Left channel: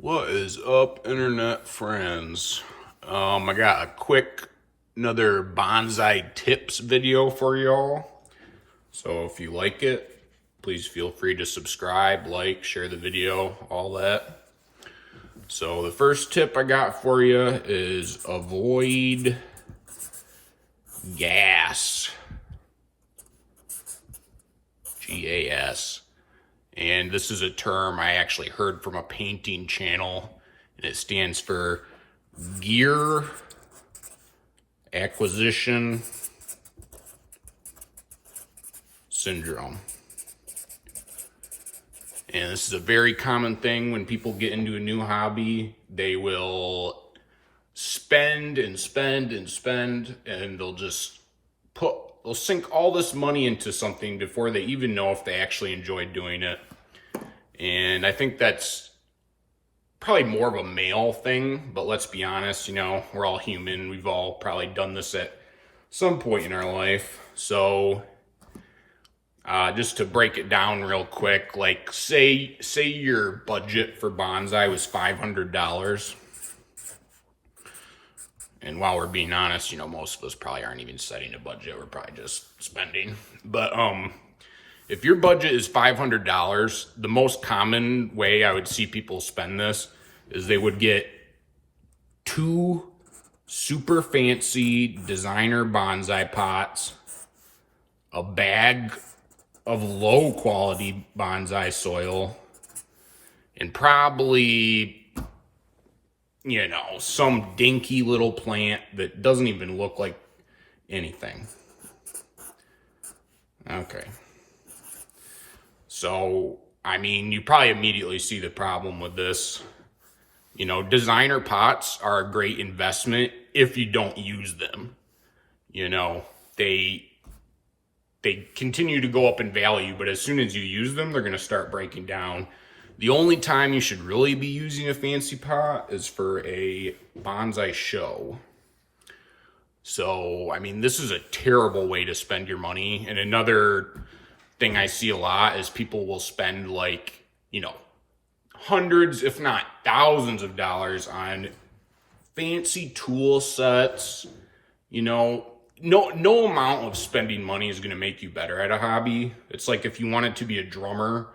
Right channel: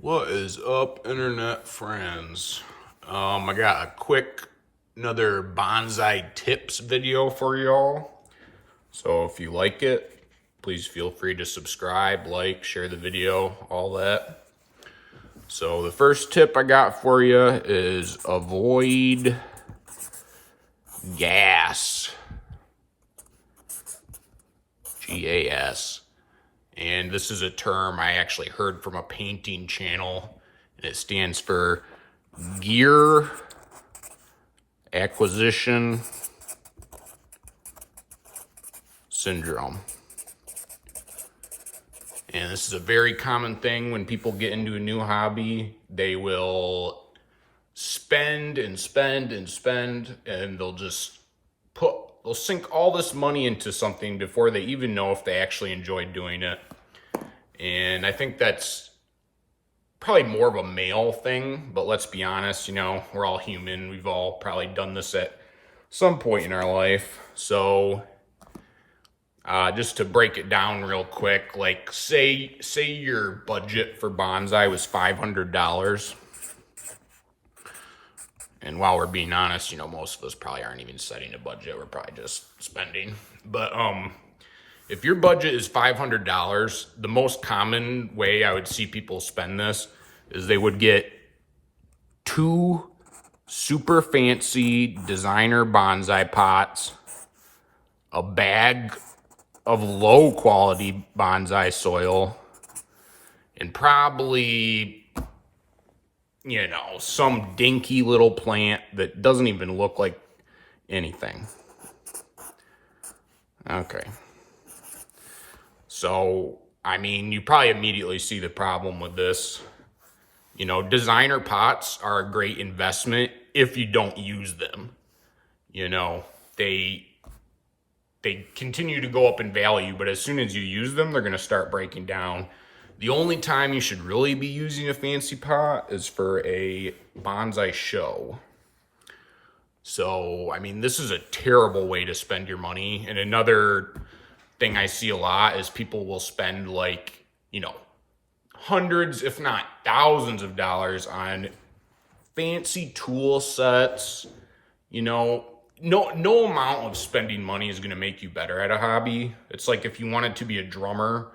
What is up, internet friends? I got a quick another bonsai tips video for y'all. So if you like it, please feel free to subscribe, like, share the video, all that. So the first tip I got for you is avoid gas. Gas. And this is a term I actually heard from a painting channel, and it stands for gear acquisition syndrome. And this is a very common thing when people get into a new hobby. They will spend and spend and spend, and they'll sink all this money into something before they even know if they actually enjoy doing it. And I think that's probably more of a male thing, but let's be honest, we're all human. We've all probably done this at some point in our life. So just to break it down real quick, like say your budget for bonsai was $500. And while we're being honest, most of us probably aren't even setting a budget. We're probably just spending. But if your budget is $500, the most common way I would see people spend this is they would get 2 super fancy designer bonsai pots, a bag of low quality bonsai soil, and probably some dinky little plant that doesn't even look like anything. Okay. So, you probably immediately see the problem with this. Designer pots are a great investment if you don't use them. They continue to go up in value, but as soon as you use them, they're going to start breaking down. The only time you should really be using a fancy pot is for a bonsai show. So, this is a terrible way to spend your money. And another thing I see a lot is people will spend hundreds, if not thousands of dollars on fancy tool sets. No amount of spending money is going to make you better at a hobby. It's like if you wanted to be a drummer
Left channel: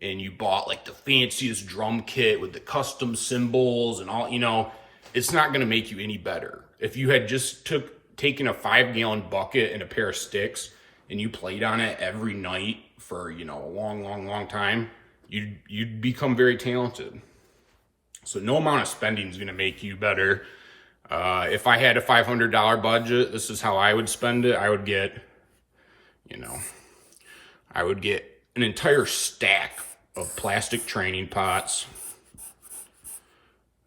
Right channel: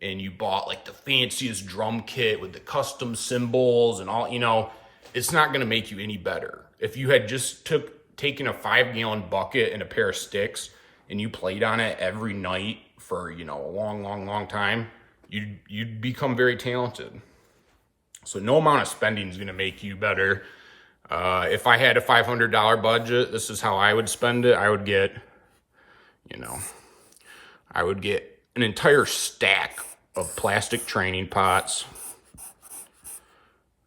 and you bought the fanciest drum kit with the custom cymbals and all, it's not going to make you any better. If you had just taken a 5-gallon bucket and a pair of sticks and you played on it every night for, a long time, you'd become very talented. So no amount of spending is going to make you better. If I had a $500 budget, this is how I would spend it. I would get an entire stack of plastic training pots,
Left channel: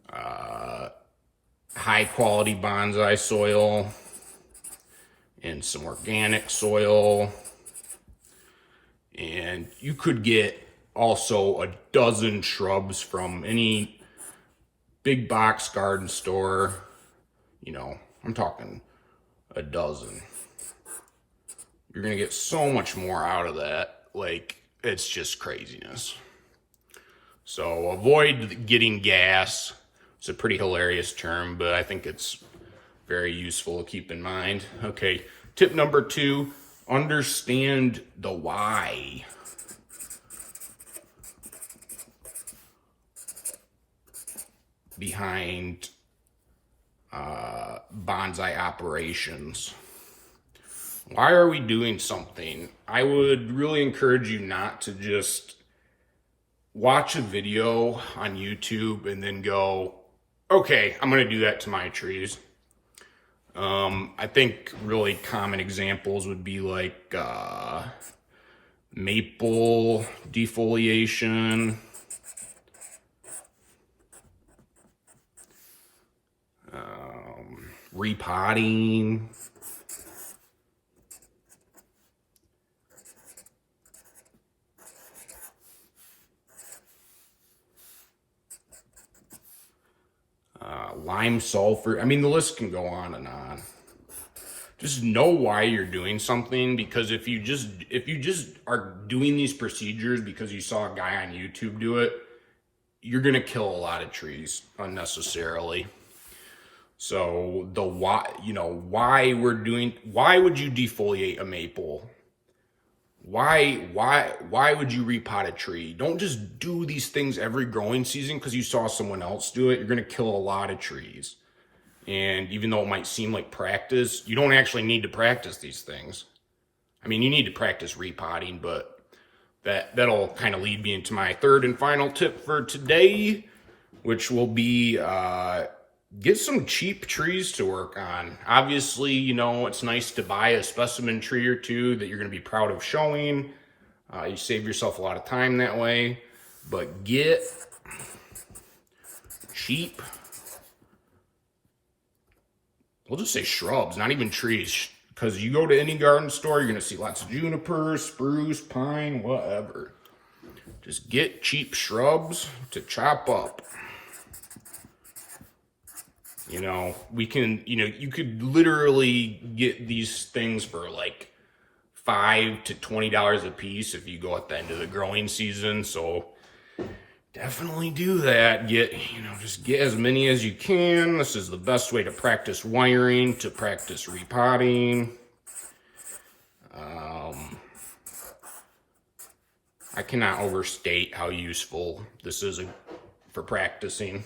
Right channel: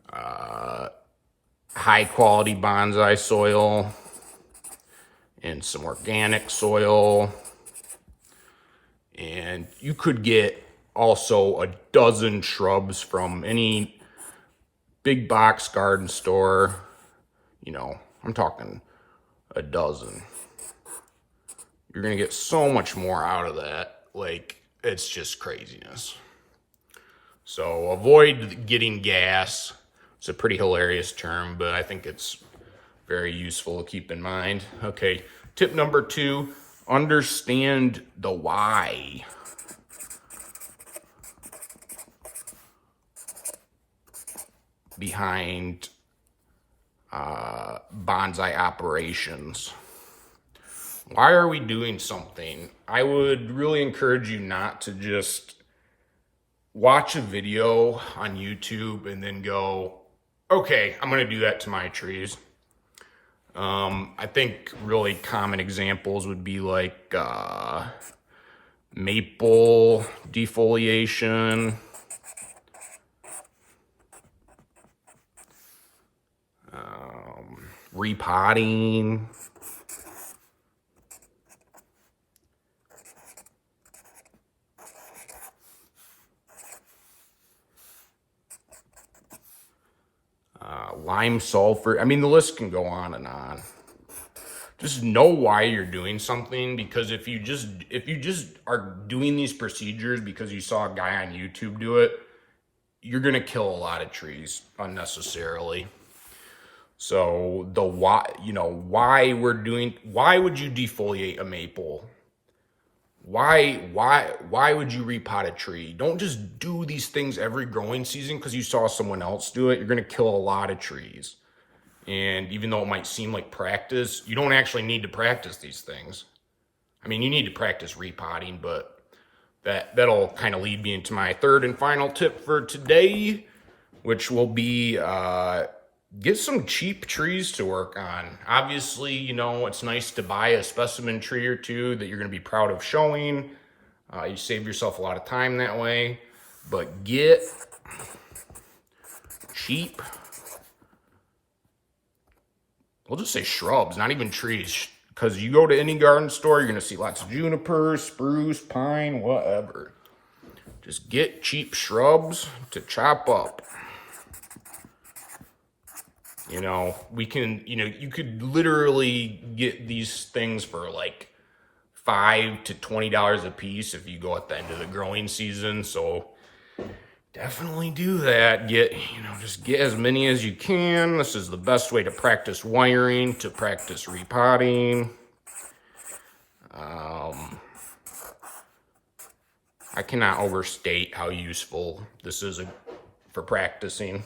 high quality bonsai soil, and some organic soil. And you could get also a dozen shrubs from any big box garden store. I'm talking a dozen. You're going to get so much more out of that. It's just craziness. So avoid getting gas. It's a pretty hilarious term, but I think it's very useful to keep in mind. Okay, tip number 2, understand the why. Behind bonsai operations. Why are we doing something? I would really encourage you not to just watch a video on YouTube and then go, okay, I'm going to do that to my trees. I think really common examples would be maple defoliation, repotting, lime sulfur. The list can go on and on. Just know why you're doing something, because if you just are doing these procedures because you saw a guy on YouTube do it, you're going to kill a lot of trees unnecessarily. So the why, why would you defoliate a maple? Why would you repot a tree? Don't just do these things every growing season because you saw someone else do it. You're going to kill a lot of trees. And even though it might seem like practice, you don't actually need to practice these things. I mean, you need to practice repotting, but that'll kind of lead me into my third and final tip for today, which will be get some cheap trees to work on. Obviously, it's nice to buy a specimen tree or two that you're going to be proud of showing. You save yourself a lot of time that way, but get cheap, we'll just say shrubs, not even trees, because you go to any garden store, you're going to see lots of juniper, spruce, pine, whatever. Just get cheap shrubs to chop up. You could literally get these things for like $5 to $20 a piece if you go at the end of the growing season. So definitely do that. Just get as many as you can. This is the best way to practice wiring, to practice repotting. I cannot overstate how useful this is for practicing.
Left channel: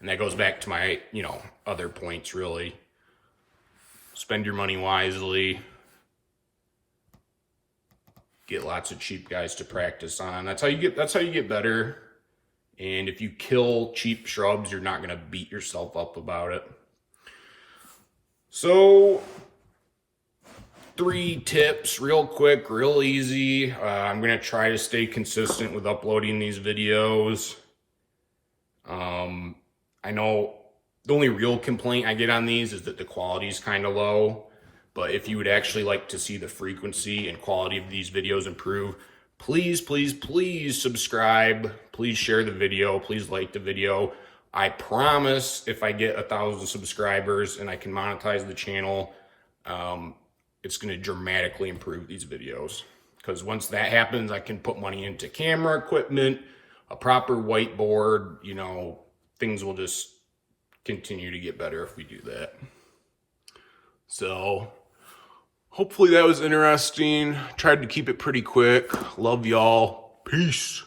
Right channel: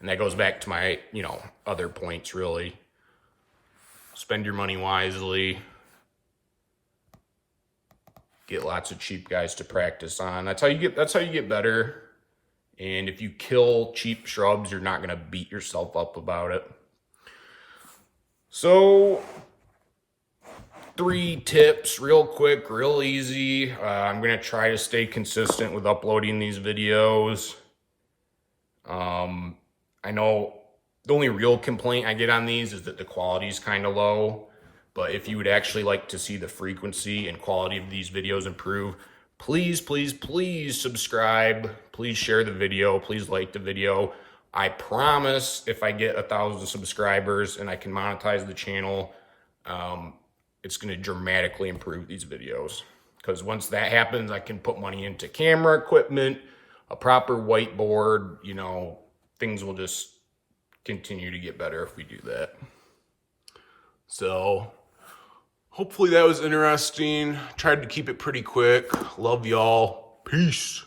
And that goes back to my, other points, really. Spend your money wisely. Get lots of cheap guys to practice on. That's how you get better. And if you kill cheap shrubs, you're not going to beat yourself up about it. So 3 tips, real quick, real easy. I'm going to try to stay consistent with uploading these videos. I know the only real complaint I get on these is that the quality is kind of low. But if you would actually like to see the frequency and quality of these videos improve, please, please, please subscribe. Please share the video. Please like the video. I promise if I get 1,000 subscribers and I can monetize the channel, it's going to dramatically improve these videos. Because once that happens, I can put money into camera equipment, a proper whiteboard, things will just continue to get better if we do that. So hopefully that was interesting. Tried to keep it pretty quick. Love y'all. Peace.